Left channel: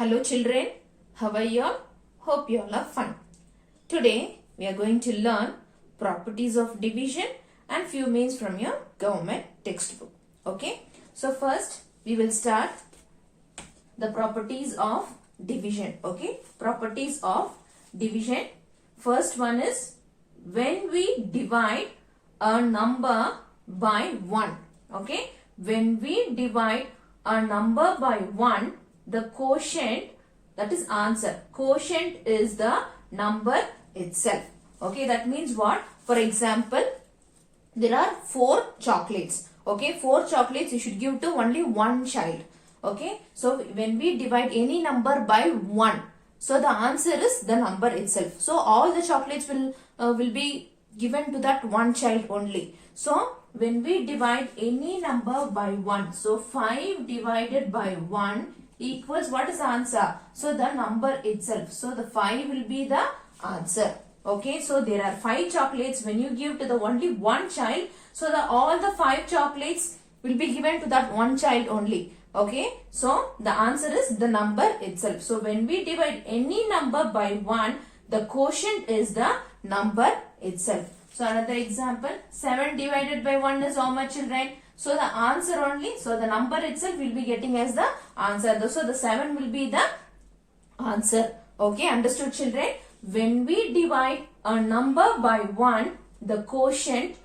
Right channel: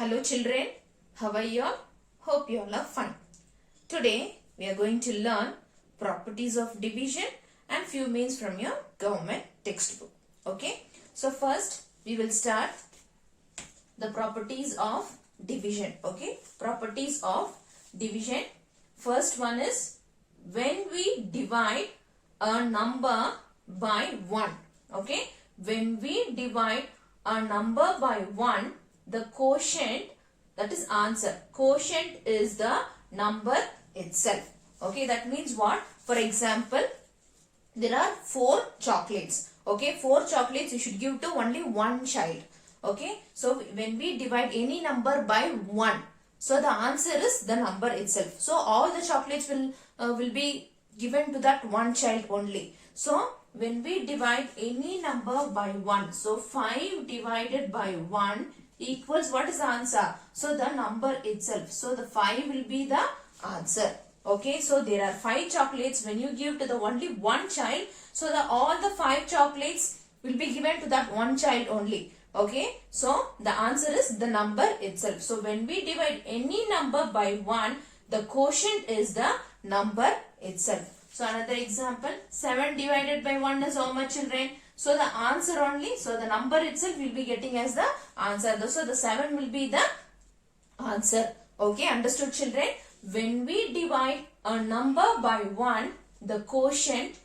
Hello children, how are you all? Hope you all are fine. Today we are going to learn properties of division and few means from your government textbook. Okay, so first we will start the properties of division. Okay, properties of division. First one is when we divide a number by 1. Okay, when we divide a number by 1, the quotient, that is answer. Quotient is the number itself. Okay, that means what? For example, there are 4 chocolates. Okay, 4 chocolates you should give to only one child. Okay, so when we divide any number by 1, so the answer is the number itself. So all the chocolates will be given to that one child only. So when we divide any number by 1, so 5 divided by 1 equals what is the answer? So the number itself. So the 5 will be the answer. Okay, so there are 5 chocolates. When you give to the only one child, so all the 5 chocolates will be given to that one child only. Okay, so the answer is the number itself. So when we divide any number by 1, the quotient is the number itself. So another example, 7 divided by 1 is how much, children? So the answer only, so the number itself will be getting as the answer. So the 7 will be the answer. Okay, understood children? When we divide a number by 1, the quotient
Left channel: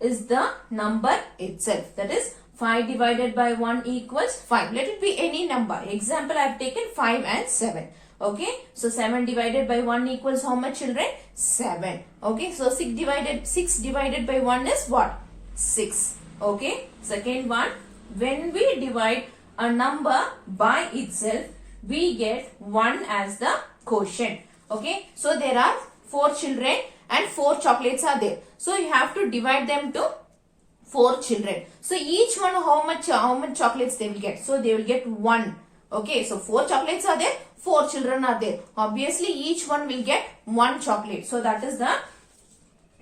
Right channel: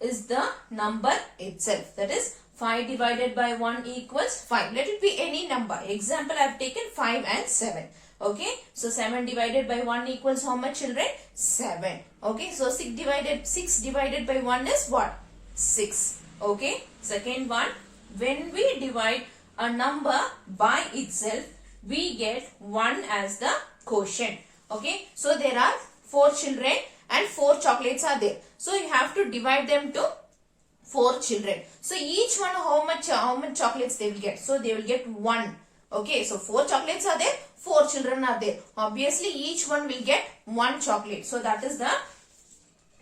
is the number itself. That is 5 divided by 1 equals 5. Let it be any number. Example, I have taken 5 and 7. Okay, so 7 divided by 1 equals how much, children? 7. Okay, so 6 divided by 1 is what? 6. Okay, second one, when we divide a number by itself, we get 1 as the quotient. Okay, so there are 4 children and 4 chocolates are there. So you have to divide them to 4 children. So each one how much chocolates they will get? So they will get 1. Okay, so 4 chocolates are there, 4 children are there. Obviously each one will get 1 chocolate. So that is the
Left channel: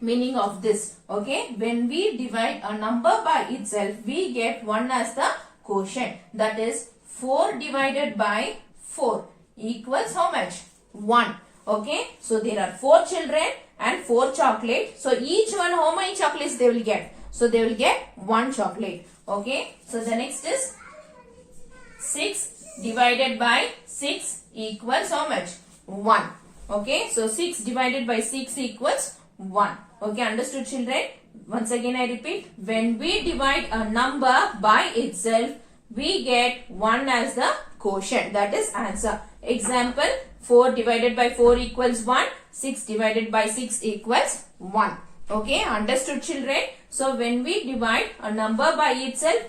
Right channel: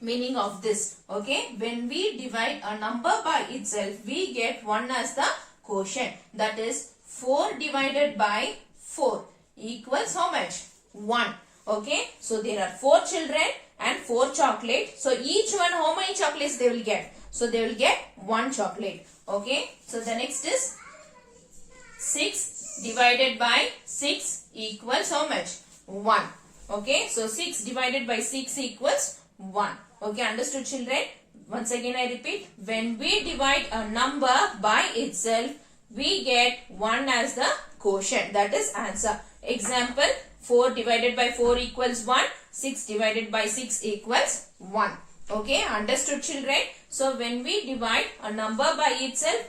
meaning of this. Okay, when we divide a number by itself, we get 1 as the quotient. That is 4 divided by 4 equals how much? 1. Okay, so there are 4 children and 4 chocolate. So each one how many chocolates they will get? So they will get 1 chocolate. Okay, so the next is 6 divided by 6 equals how much? 1. Okay, so 6 divided by 6 equals 1. Okay, understood children? Once again I repeat, when we divide a number by itself, we get 1 as the quotient. That is answer. Example, 4 divided by 4 equals 1. 6 divided by 6 equals 1. Okay, understood children? So when we divide a number by itself,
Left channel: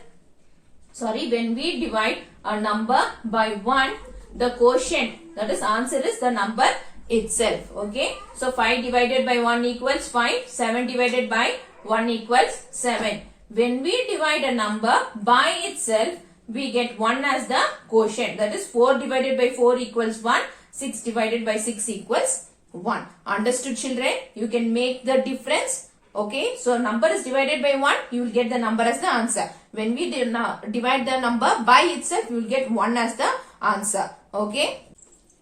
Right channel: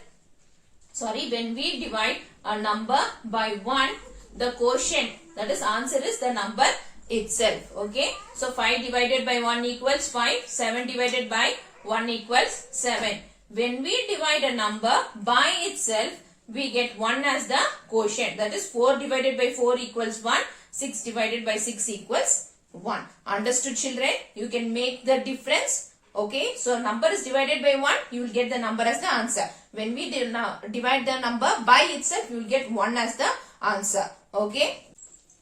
when we divide a number by 1, the quotient, that is answer is the number itself. Okay, so 5 divided by 1 equals 5. 7 divided by 1 equals 7. When we divide a number by itself, we get 1 as the quotient. That is 4 divided by 4 equals 1. 6 divided by 6 equals 1. Understood children? You can make the difference. Okay, so number is divided by 1, you will get the number as the answer. When we divide the number by itself, you will get 1 as the answer. Okay,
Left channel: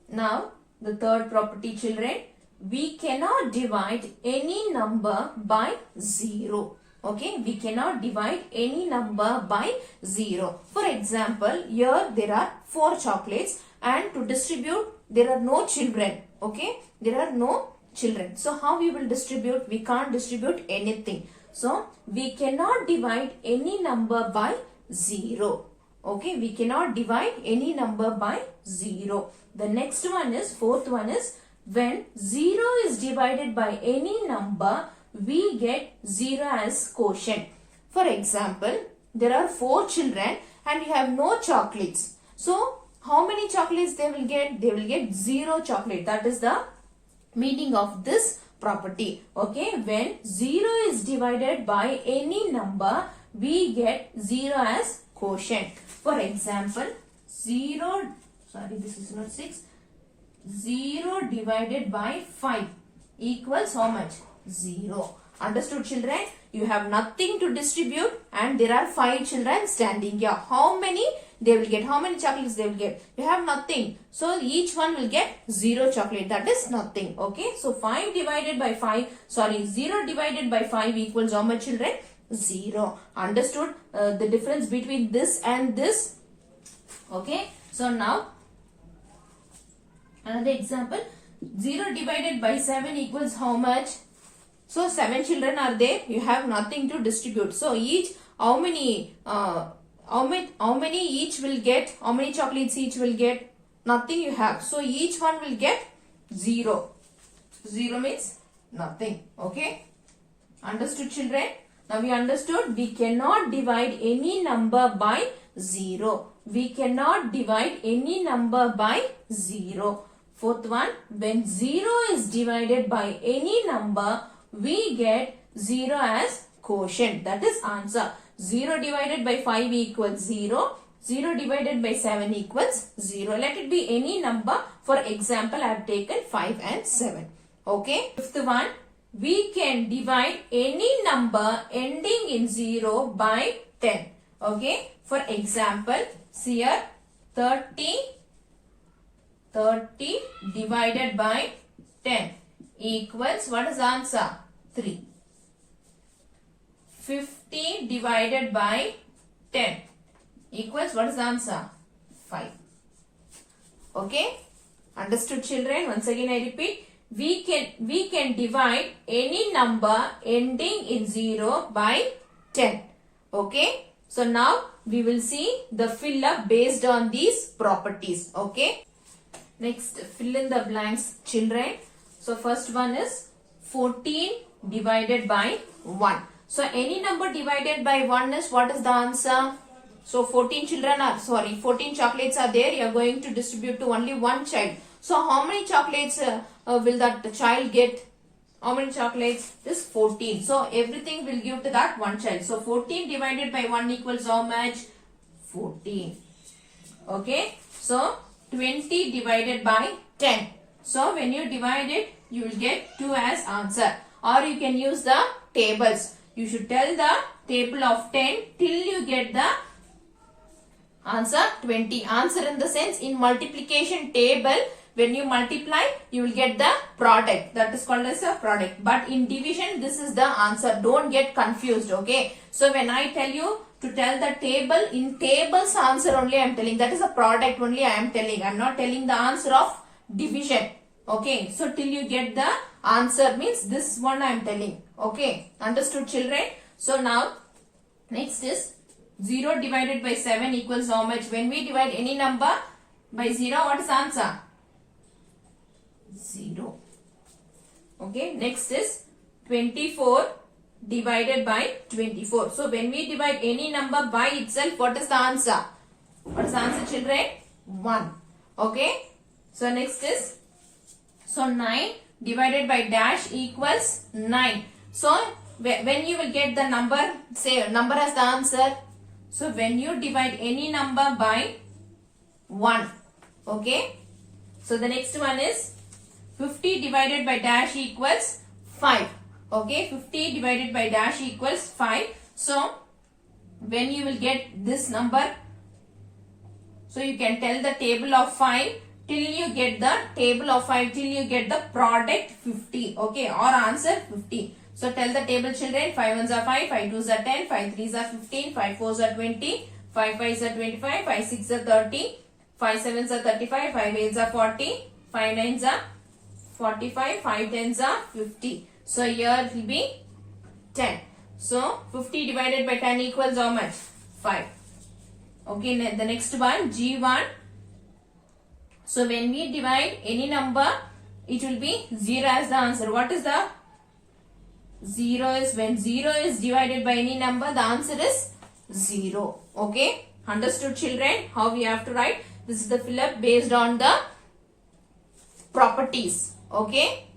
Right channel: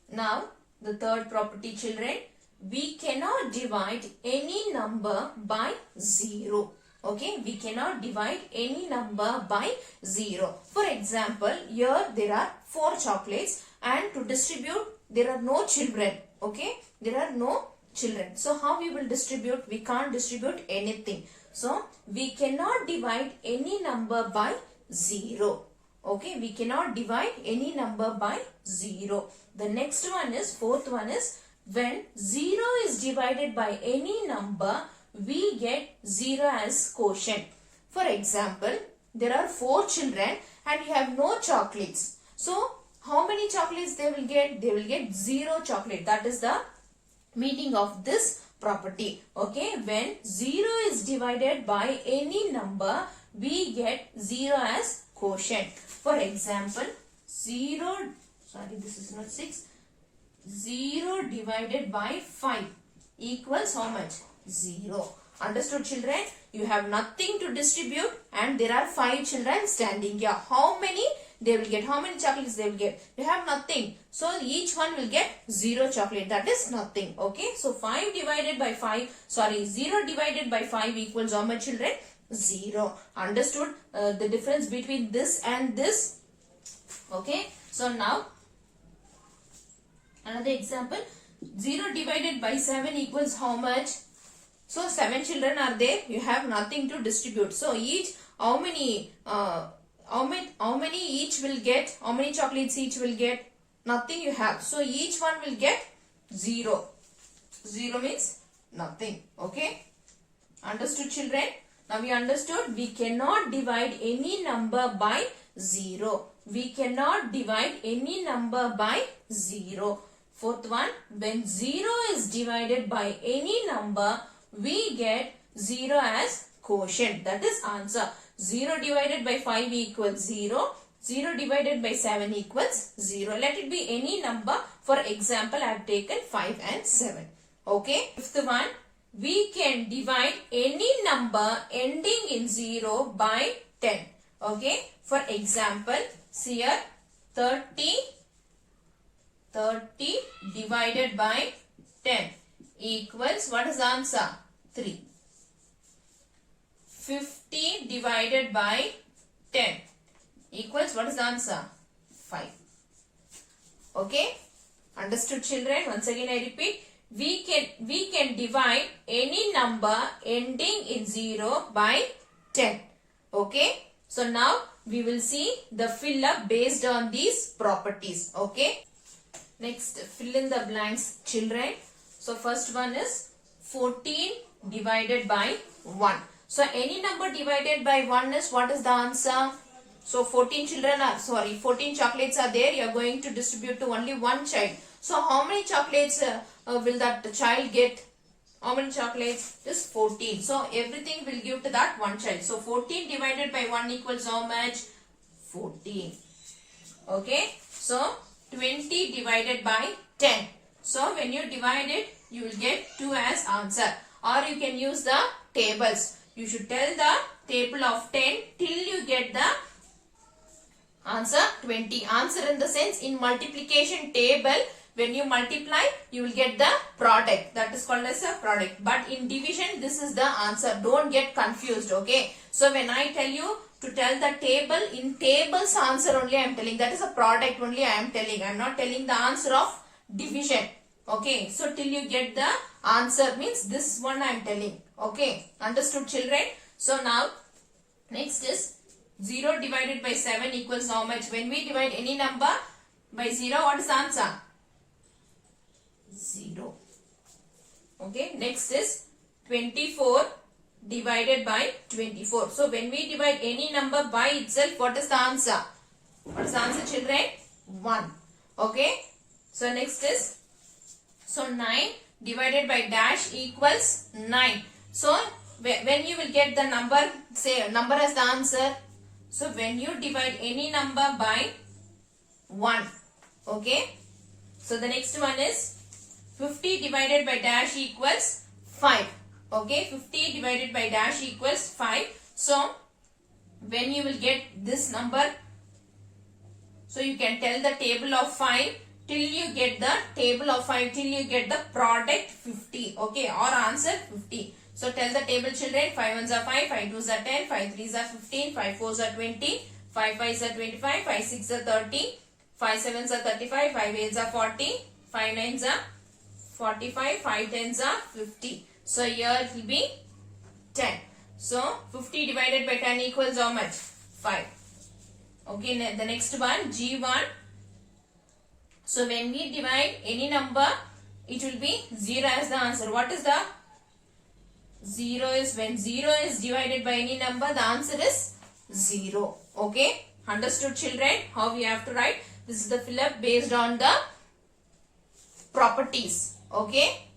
now the third property, children, we cannot divide any number by 0. Okay, we cannot divide any number by 0. For example, here there are 4 chocolates and to distribute there are no children. Okay, there are no children. So how we will distribute? We can't distribute anything. So we cannot divide any number by 0. Okay, we cannot divide any number by 0. The next one is, fourth one is, when 0 is divided by any number, we get 0 as quotient. For example, there are 4 children and you have no chocolates. So how many chocolates they will get? They will get 0 chocolate. That is the meaning of this property. Okay, when 0 is divided by any number, we get 0 as quotient. For example, 0 divided by 5 equals how much? 0. Understood children? You have nothing to distribute and there are 5 children standing here. How many they will get. How many chocolates they will get? You have nothing. So each one will get 0 chocolate. That is nothing. Okay. So 0 divided by 5 equals how much, children? 0. Understood the difference between this and this? Okay. So now another example. 0 divided by 7 equals how much? So 7 children are there. You have nothing to distribute. So each, how many each will get? How many chocolates each will get? Nothing you have. So each one will get 0. 0 means nothing. Okay. Understood, children? Now we understood we cannot divide any number by 0. We cannot divide any number by 0. Fourth one, when 0 is divided by any number, we get 0 as quotient. That is answer. 0 divided by 5 equals 0. 0 divided by 7 equals 0. Let it be any number. For example, I have taken 5 and 7. Okay. Fifth one, we can divide any number ending in 0 by 10. Okay. For example, see here 30 divided by 10 equals, what is the answer? 3. 50 divided by 10 equals, what is the answer? 5. Okay. Understood, children? Once again I repeat. We can divide any number ending in 0 by 10. Okay. So now we will see the fill up based on these properties. Okay. Next, fill in the blanks, children. So first one is 14 divided by 1. So any number divided by 1 is, what is the answer? So 14 chocolates are there. You are going to distribute to only one child. So how many chocolates will that child get? How many chocolates? This 14. So everything will give to that one child. So 14 divided by 1 equals how much? 14. Okay. So 20 divided by 10. So when you divide it, you will get 2 as answer. Or you can use the tables. You should tell the table of 10 till you get the answer 20. Answer in the sense, in multiplication table, when you multiply, you will get the product. That is called as a product. But in division, this is the answer. Don't get confused. Okay. So when I tell you to tell the table, in tables answer only I am telling. That is a product only I am telling. I am not telling the answer of division. Okay. So till you get the answer means this one I am telling. Okay. Understood, children? So now next is 0 divided by 7 equals how much? When we divide any number by 0, what is the answer? 0. Okay. Next is 24 divided by 24. So when we divide any number by itself, what is the answer? What is the answer, children? 1. Okay. So next is, so 9 divided by dash equals 9. So when you will get the number, say number as the answer. So when you divide any number by 1. Okay. So the next one is 50 divided by dash equals 5. Okay. 50 divided by dash equals 5. So when you will get this number, so you can tell the table of 5 till you get the table of 5 till you get the product 50. Okay. Or answer 50. So tell the table, children. 5 ones are 5, 5 twos are 10, 5 threes are 15, 5 fours are 20, 5 fives are 25, 5 sixes are 30, 5 sevens are 35, 5 eights are 40, 5 nines are 45, 5 tens are 50. So here it will be 10. So 50 divided by 10 equals how much? 5. Okay, the next one, G1. So when we divide any number, it will be 0 as the answer. What is the 0 is, when 0 is divided by any number, the answer is 0. Okay. Understood, children? How we have to write? This is the fill up based on the properties. Okay.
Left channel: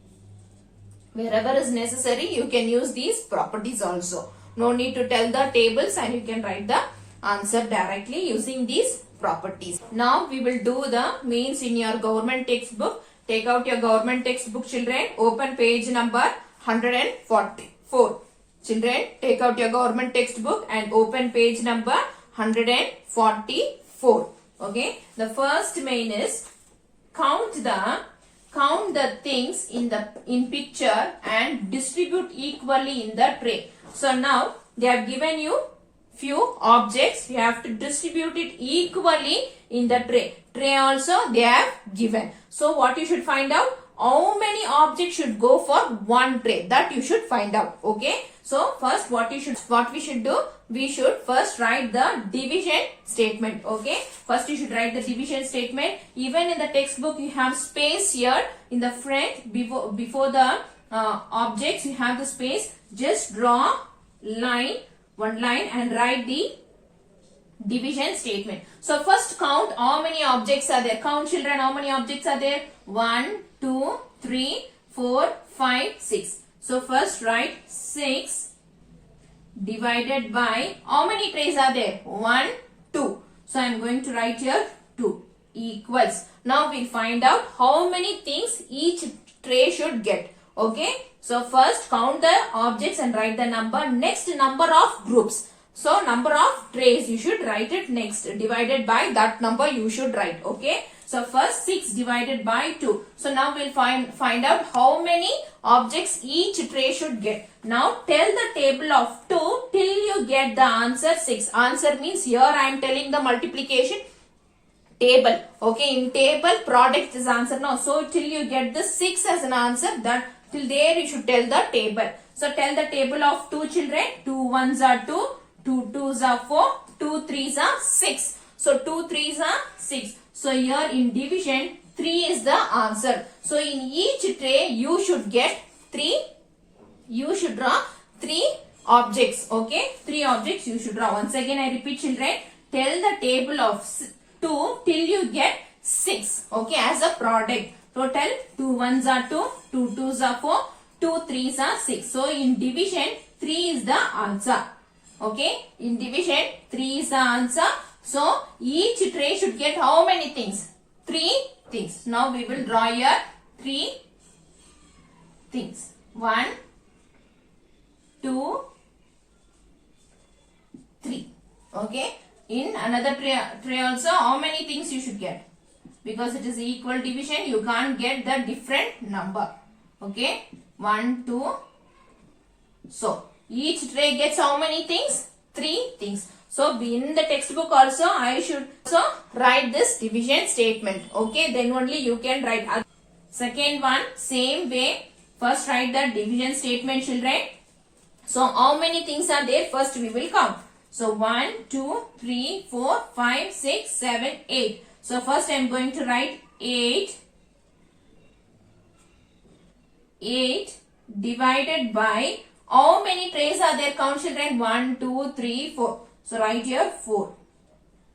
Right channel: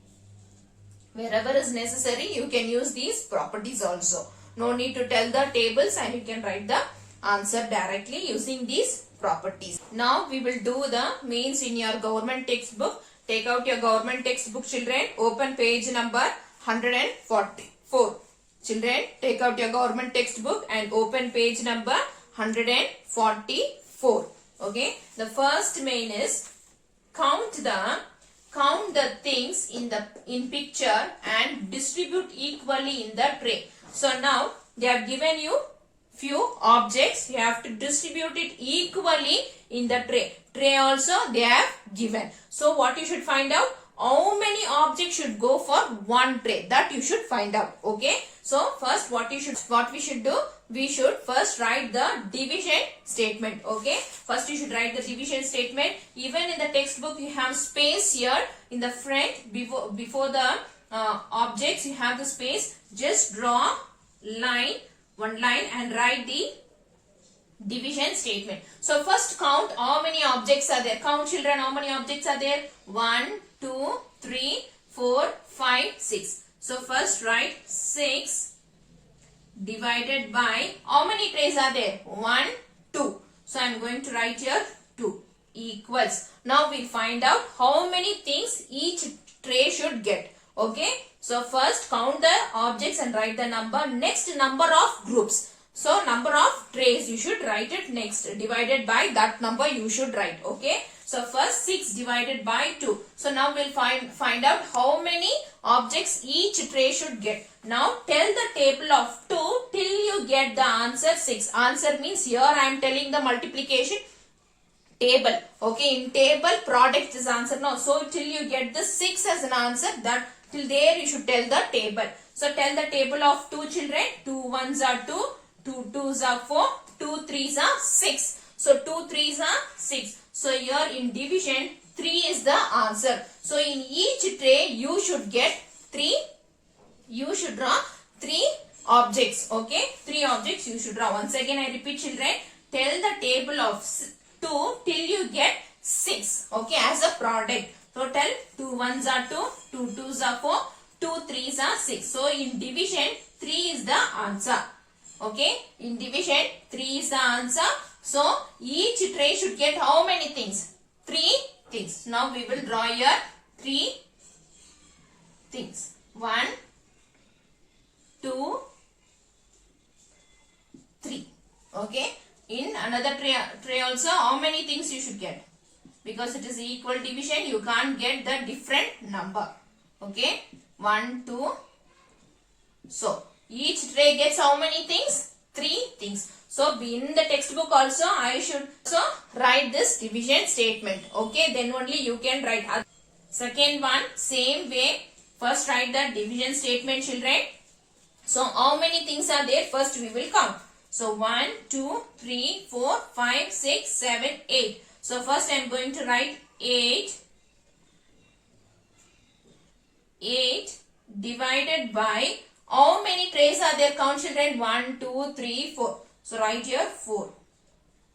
Wherever is necessary, you can use these properties also. No need to tell the tables and you can write the answer directly using these properties. Now we will do the mains in your government textbook. Take out your government textbook, children. Open page number 144. Children, take out your government textbook and open page number 144. 4. Okay. The first main is count the things in picture and distribute equally in the tray. So now they have given you few objects. You have to distribute it equally in the tray. Tray also they have given. So what you should find out? How many objects should go for one tray? That you should find out. Okay. So first what we should do? We should first write the division statement. Okay. First you should write the division statement. Even in the textbook you have space here in the front before the objects you have the space. Just draw one line and write the division statement. So first count how many objects are there. Count children, how many objects are there? 1, 2, 3, 4, 5, 6. So first write 6 divided by how many trays are there? 1, 2. So I am going to write here 2 equals. Now we'll find out how many things each tray should get. Okay. So first count the objects and write the number. Next number of groups. So number of trays you should write it next. Divided by that number you should write. Okay. So first 6 divided by 2. So now we'll find out how many objects each tray should get. Now tell the table of 2 till you get the answer 6. Answer means here I am telling the multiplication table. Okay. In table product is answer now. So till you get the 6 as an answer, that till there you should tell the table. So tell the table of 2 children. 2 1s are 2. 2 2s are 4. 2 3s are 6. So 2 3s are 6. So here in division 3 is the answer. So in each tray you should get 3. You should draw 3 objects. Okay. 3 objects you should draw. Once again I repeat children. Tell the table of 2 till you get 6. Okay. As a product. Total 2 1s are 2. 2 2s are 4. 2 3s are 6. So in division 3 is the answer. Okay. In division 3 is the answer. So each tray should get how many things? 3 things. Now we will draw here 3 things. 1, 2, 3. Okay. In another tray also how many things you should get? Because it is equal division, you can't get the different number. Okay. 1, 2. So each tray gets how many things? 3 things. So in the textbook also I should write this division statement. Okay. Then only you can write. Second one, same way. First write the division statement children. So how many things are there? First we will count. So 1, 2, 3, 4, 5, 6, 7, 8. So first I am going to write 8 divided by how many trays are there? Count children. 1, 2, 3, 4. So write here 4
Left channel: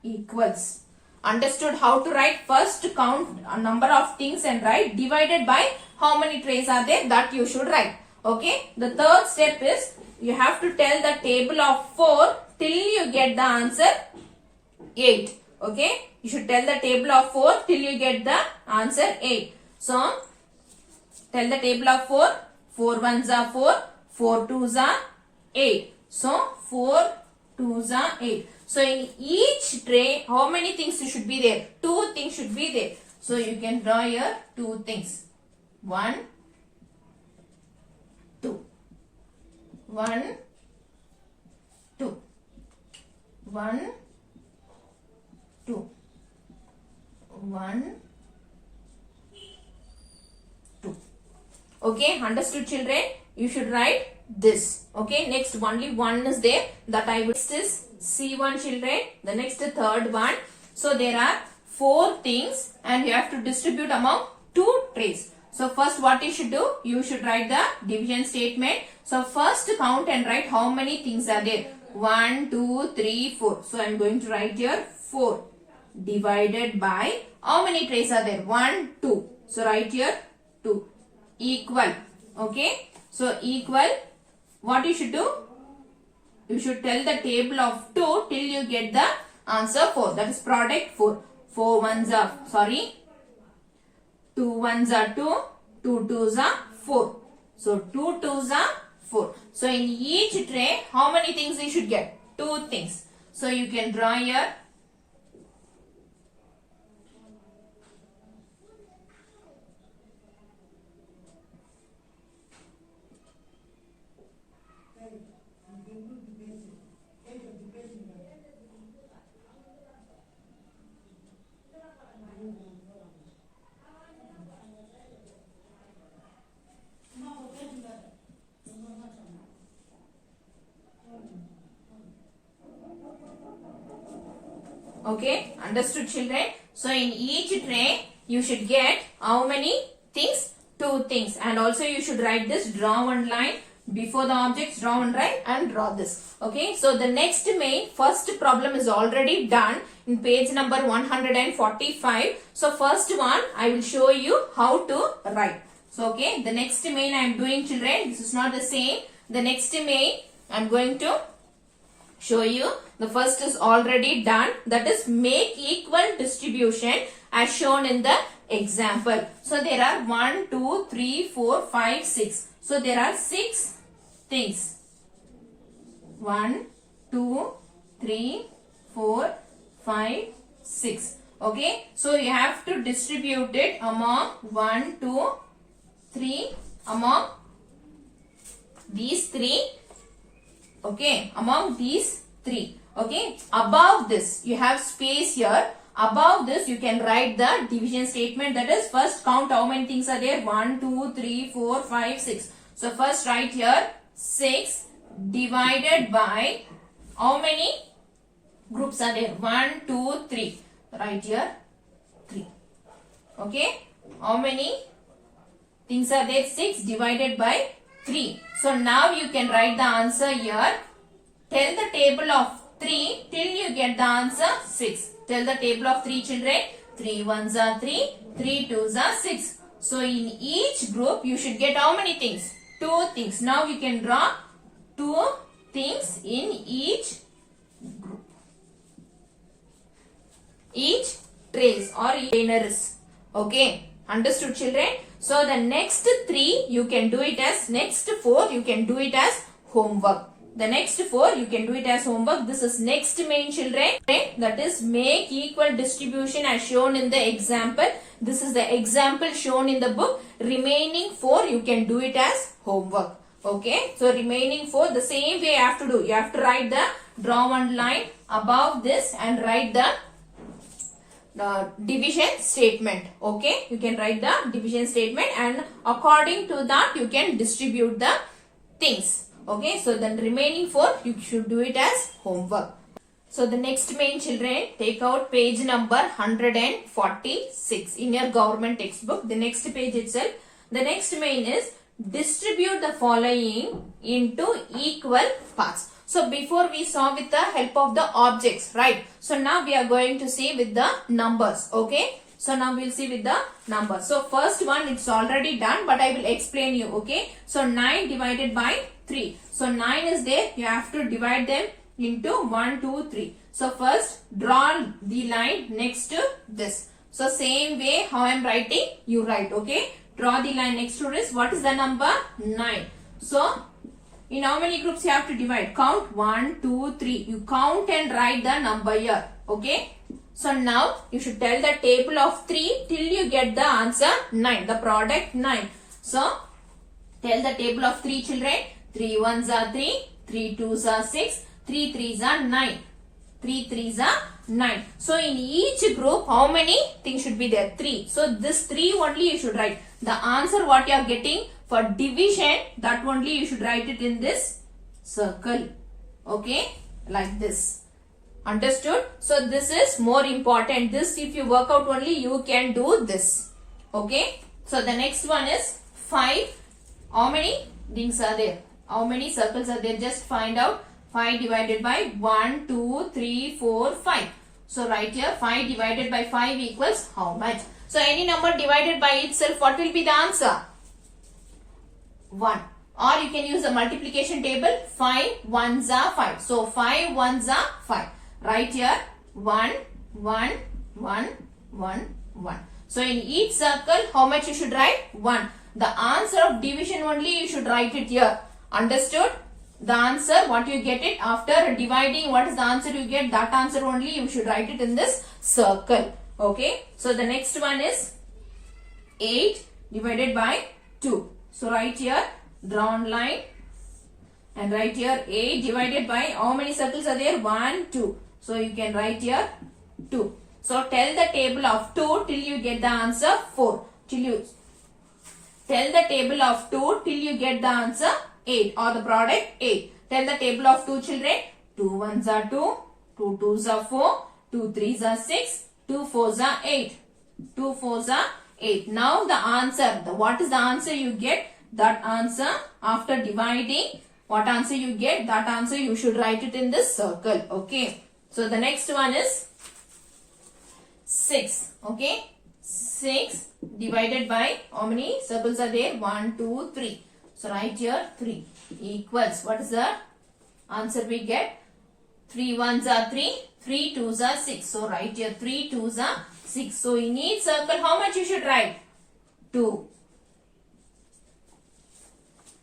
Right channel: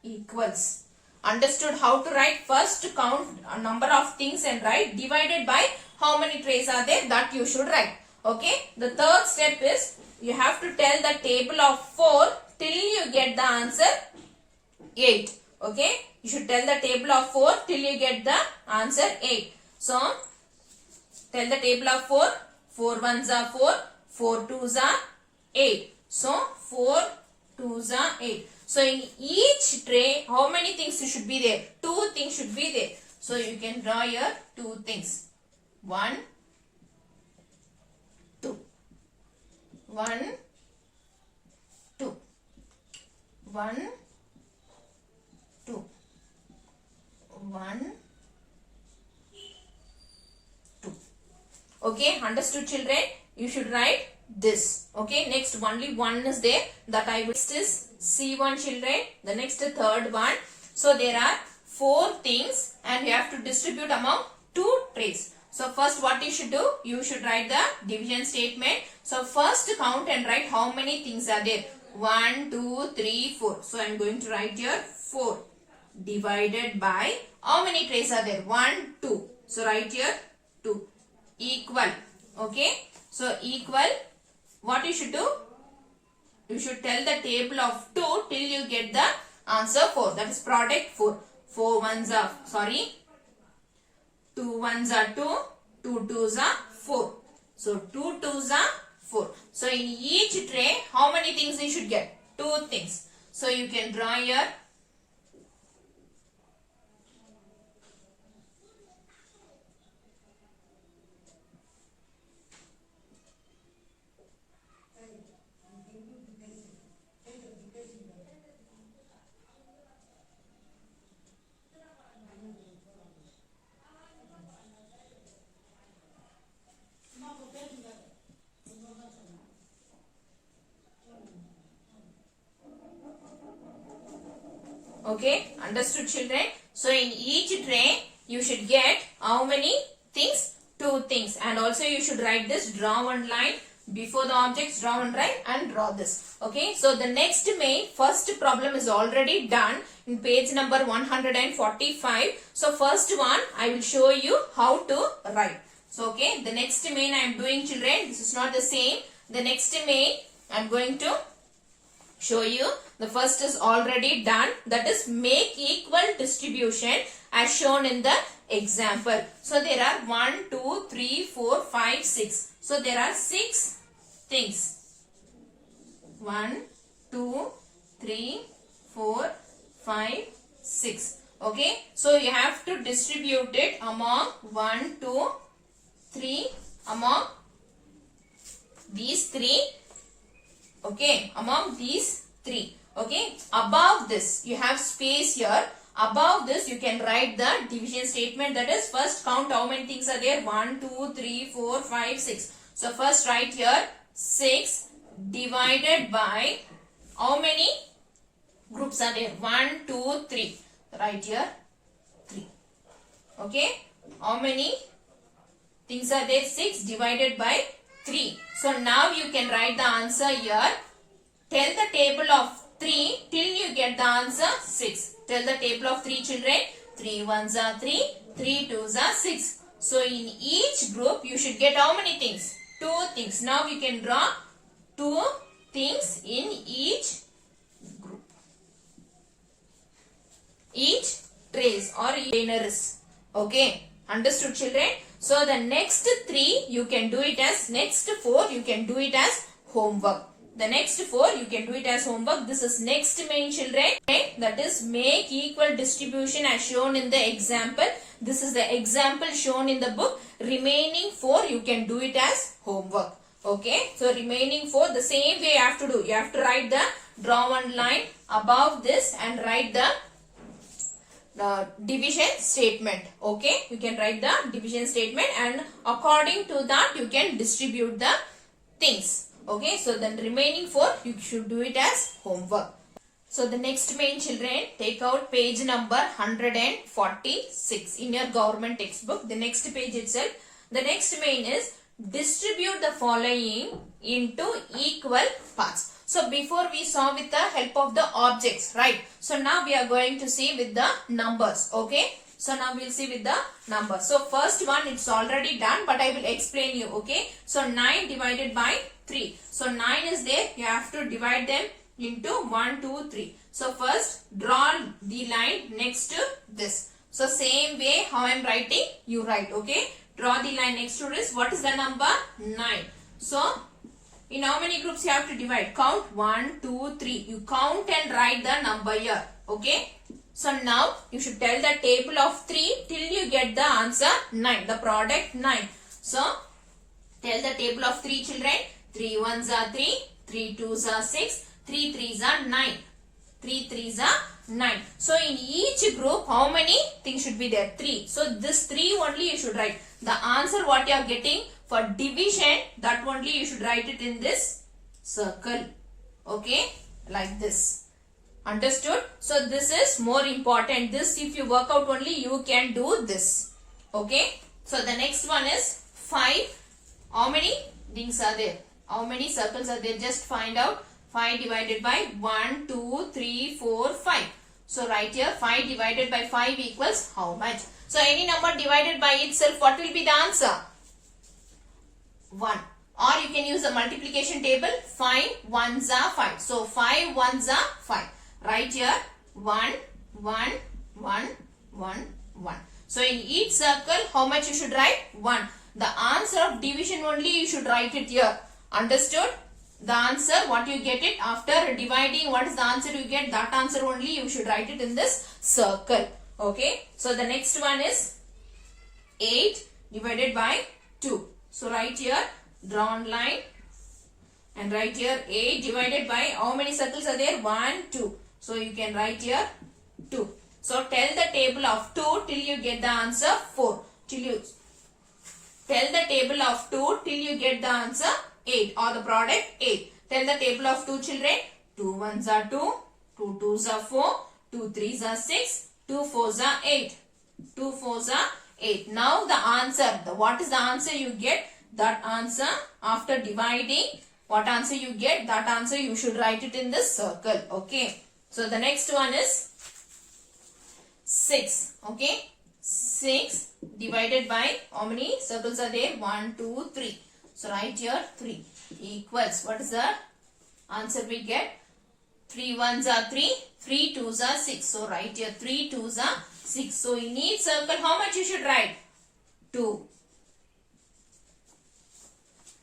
equals. Understood how to write? First count a number of things and write divided by how many trays are there, that you should write. Okay. The third step is you have to tell the table of 4 till you get the answer 8. Okay. You should tell the table of 4 till you get the answer 8. So tell the table of 4. 4 1s are 4. 4 2s are 8. So 4 2s are 8. So in each tray, how many things should be there? 2 things should be there. So you can draw here 2 things. 1, 2. 1, 2. 1, 2. 1, 2. Okay, understood children? You should write this. Okay, next only one is there that I will. Next is C1 children. The next third one. So there are 4 things and you have to distribute among 2 trays. So first what you should do? You should write the division statement. So first count and write how many things are there. 1, 2, 3, 4. So I am going to write here 4 divided by how many trays are there? 1, 2. So write here 2 equal. Okay. So equal. What you should do? You should tell the table of 2 till you get the answer 4. That is product 4. 4 1s are, sorry, 2 1s are 2. 2 2s are 4. So 2 2s are 4. So in each tray, how many things you should get? 2 things. So you can draw here Okay, understood children? So in each tray, you should get how many things? 2 things. And also you should write this, draw one line before the objects, draw one line and draw this. Okay, so the next main, first problem is already done in page number 145. So first one, I will show you how to write. So okay, the next main I am doing children, this is not the same. The next main, I am going to show you. The first is already done, that is make equal distribution as shown in the example. So there are 1, 2, 3, 4, 5, 6. So there are 6 things. 1, 2, 3, 4, 5, 6. Okay. So you have to distribute it among 1, 2, 3, among these 3. Okay. Among these 3. Okay. Above this, you have space here. Above this, you can write the division statement. That is, first count how many things are there. 1, 2, 3, 4, 5, 6. So first write here 6 divided by how many groups are there? 1, 2, 3. Write here 3. Okay. How many things are there? 6 divided by 3. So now you can write the answer here. Tell the table of 3 till you get the answer 6. Tell the table of 3 children. 3 ones are 3, 3 twos are 6. So in each group you should get how many things? 2 things. Now you can draw 2 things in each group. Each trays or containers. Okay. Understood children? So the next 3 you can do it as, next 4 you can do it as homework. The next 4 you can do it as homework. This is next main children. That is make equal distribution as shown in the example. This is the example shown in the book. Remaining 4 you can do it as homework. Okay. So remaining 4 the same way you have to do. You have to write the, draw one line above this and write the division statement. Okay. You can write the division statement and according to that you can distribute the things. Okay, so then remaining 4 you should do it as homework. So the next main children, take out page number 146 in your government textbook. The next page itself. The next main is distribute the following into equal parts. So before we saw with the help of the objects, right? So now we are going to see with the numbers. Okay. So now we'll see with the numbers. So first one it's already done, but I will explain you. Okay. So 9 divided by 3. So 9 is there. You have to divide them into 1, 2, 3. So first draw the line next to this. So same way how I am writing, you write. Okay. Draw the line next to this. What is the number? 9. So in how many groups you have to divide? Count 1, 2, 3. You count and write the number here. Okay. So now you should tell the table of 3 till you get the answer 9. The product 9. So tell the table of 3 children. 3 ones are 3. 3 twos are 6. 3 threes are 9. 3 threes are 9. So in each group how many things should be there? 3. So this 3 only you should write. The answer what you are getting for division, that only you should write it in this circle. Okay. Like this. Understood? So this is more important. This if you work out only you can do this. Okay. So the next one is 5. How many things are there? How many circles are there? Just find out. 5 divided by 1, 2, 3, 4, 5. So write here 5 divided by 5 equals how much? So any number divided by itself, what will be the answer? 1. Or you can use the multiplication table. 5 ones are 5. So 5 ones are 5. Write here 1, 1, 1, 1, 1. So in each circle, how much you should write? 1. The answer of division only you should write it here. Understood? The answer, what you get it after dividing, what is the answer you get? That answer only you should write it in this circle. Okay. So the next one is 8 divided by 2. So write here, draw one line and write here 8 divided by how many circles are there? 1, 2. So you can write here 2. So tell the table of 2 till you get the answer 4. Till you tell the table of 2 till you get the answer 8 or the product 8. Tell the table of 2 children. 2 ones are 2. 2 twos are 4. 2 3s are 6, 2 4s are 8. 2 4s are 8. Now the answer, what is the answer you get? That answer after dividing, what answer you get? That answer you should write it in this circle. Okay. So the next one is 6. Okay. 6 divided by how many circles are there? 1, 2, 3. So write here 3 equals, what is the answer we get? 3 1s are 3, 3 2s are 6. So write here 3 2s are 6. So in each circle how much you should write? 2.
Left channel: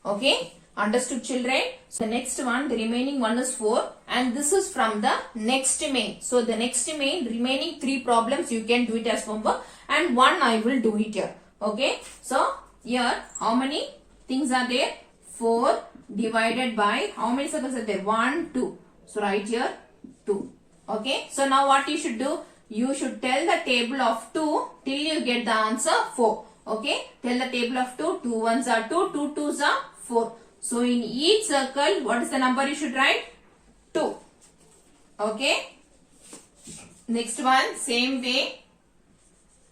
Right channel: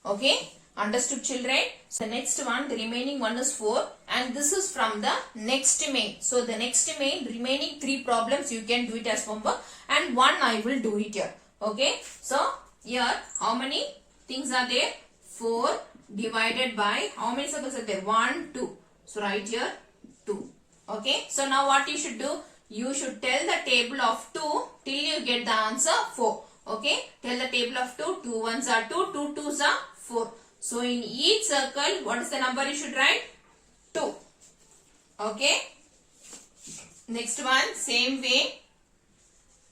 Okay. Understood, children? So the next one, the remaining one is 4 and this is from the next main. So the next main, remaining 3 problems you can do it as homework and one I will do it here. Okay. So here how many things are there? 4 divided by how many circles are there? 1, 2. So write here 2. Okay. So now what you should do? You should tell the table of 2 till you get the answer 4. Okay. Tell the table of 2. 2 1s are 2, 2 2s are 4. So in each circle, what is the number you should write? 2. Okay. Next one, same way.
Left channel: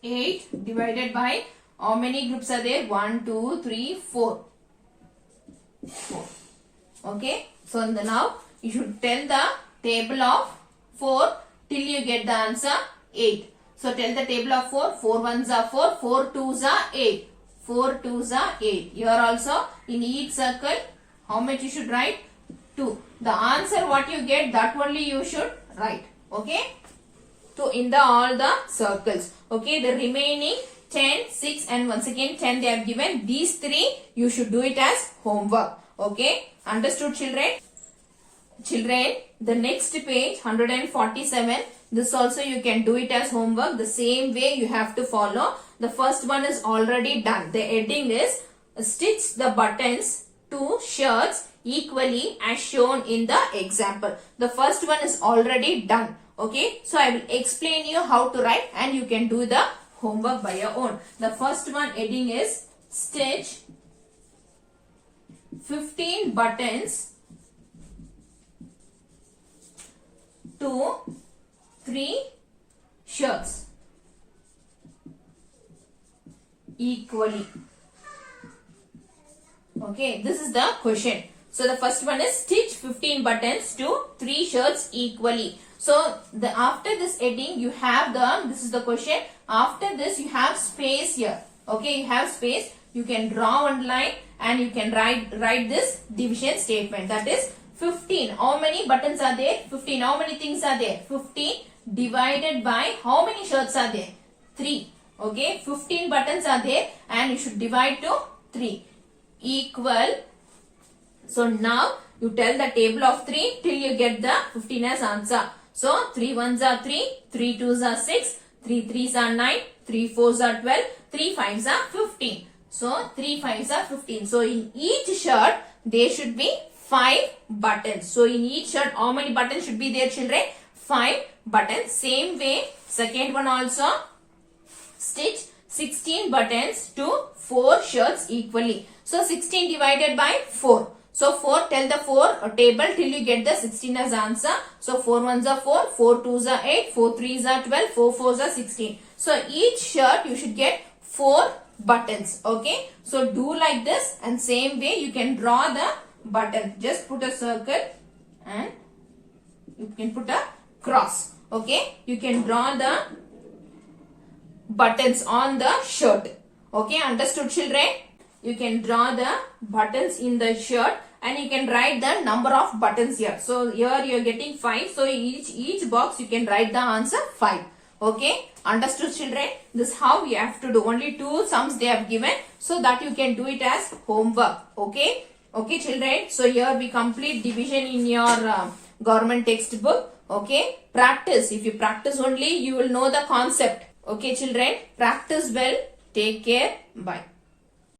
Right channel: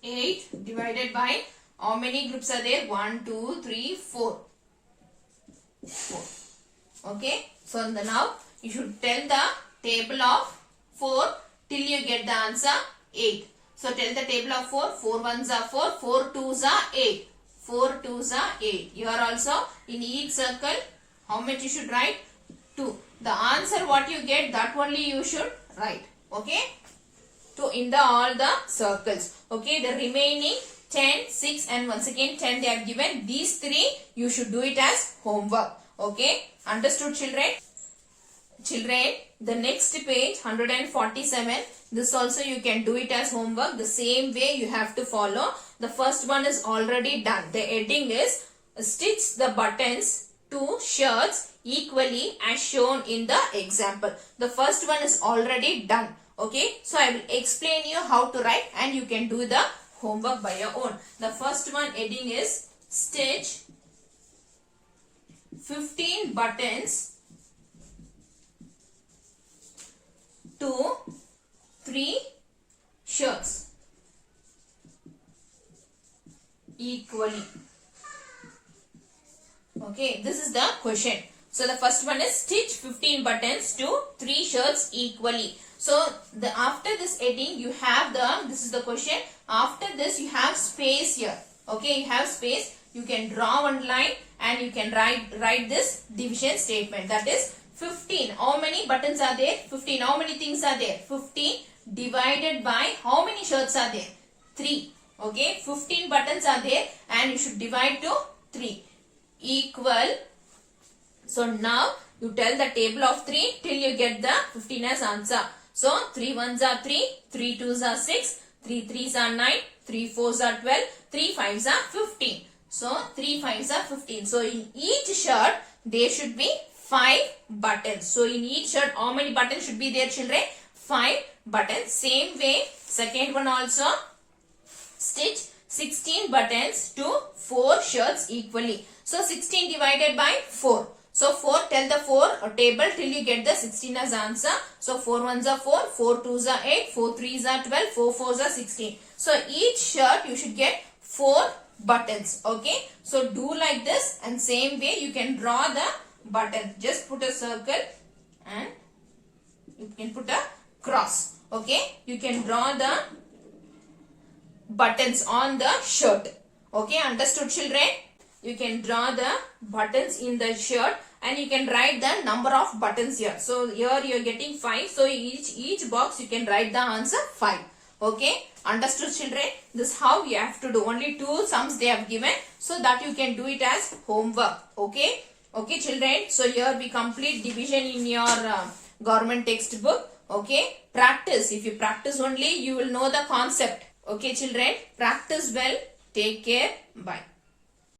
8 divided by how many groups are there? 1, 2, 3, 4. 4. Okay. So now you should tell the table of 4 till you get the answer 8. So tell the table of 4. 4 1s are 4, 4 2s are 8. 4 2s are 8. Here also in each circle how much you should write? 2. The answer what you get, that only you should write. Okay. So in the all the circles. Okay. The remaining 10, 6 and once again 10 they have given. These 3 you should do it as homework. Okay. Understood, children? Children, the next page 147. This also you can do it as homework. The same way you have to follow. The first one is already done. The heading is stitch the buttons to shirts equally as shown in the example. The first one is already done. Okay. So I will explain you how to write and you can do the homework by your own. The first one heading is stitch 15 buttons to 3 shirts equally. Okay, this is the question. So the first one is stitch 15 buttons to 3 shirts equally. So after this heading you have this is the question. After this you have space here. Okay, you have space. You can draw one line and you can write this division statement. That is 15. How many buttons are there? 15. How many things are there? 15 divided by how many shirts are there? 3. Okay, 15 buttons are there and you should divide to 3 equal. So now you tell the table of 3 till you get the 15 as answer. So 3 1s are 3, 3 2s are 6, 3 3s are 9, 3 4s are 12, 3 5s are 15. So 3 5s are 15. So in each shirt there should be 5 buttons. So in each shirt how many buttons should be there, children? 5 buttons. Same way second one also stitch 16 buttons to 4 shirts equally. So 16 divided by 4. So 4, tell the 4 table till you get the 16 as answer. So 4 1s are 4, 4 2s are 8, 4 3s are 12, 4 4s are 16. So each shirt you should get 4 buttons. Okay. So do like this and same way you can draw the button. Just put a circle and you can put a cross. Okay. You can draw the buttons on the shirt. Okay. Understood, children? You can draw the buttons in the shirt and you can write the number of buttons here. So here you are getting 5. So each box you can write the answer 5. Okay. Understood, children? This is how you have to do. Only 2 sums they have given. So that you can do it as homework. Okay. Okay, children. So here we complete division in your government textbook. Okay. Practice. If you practice only, you will know the concept. Okay, children. Practice well. Take care. Bye.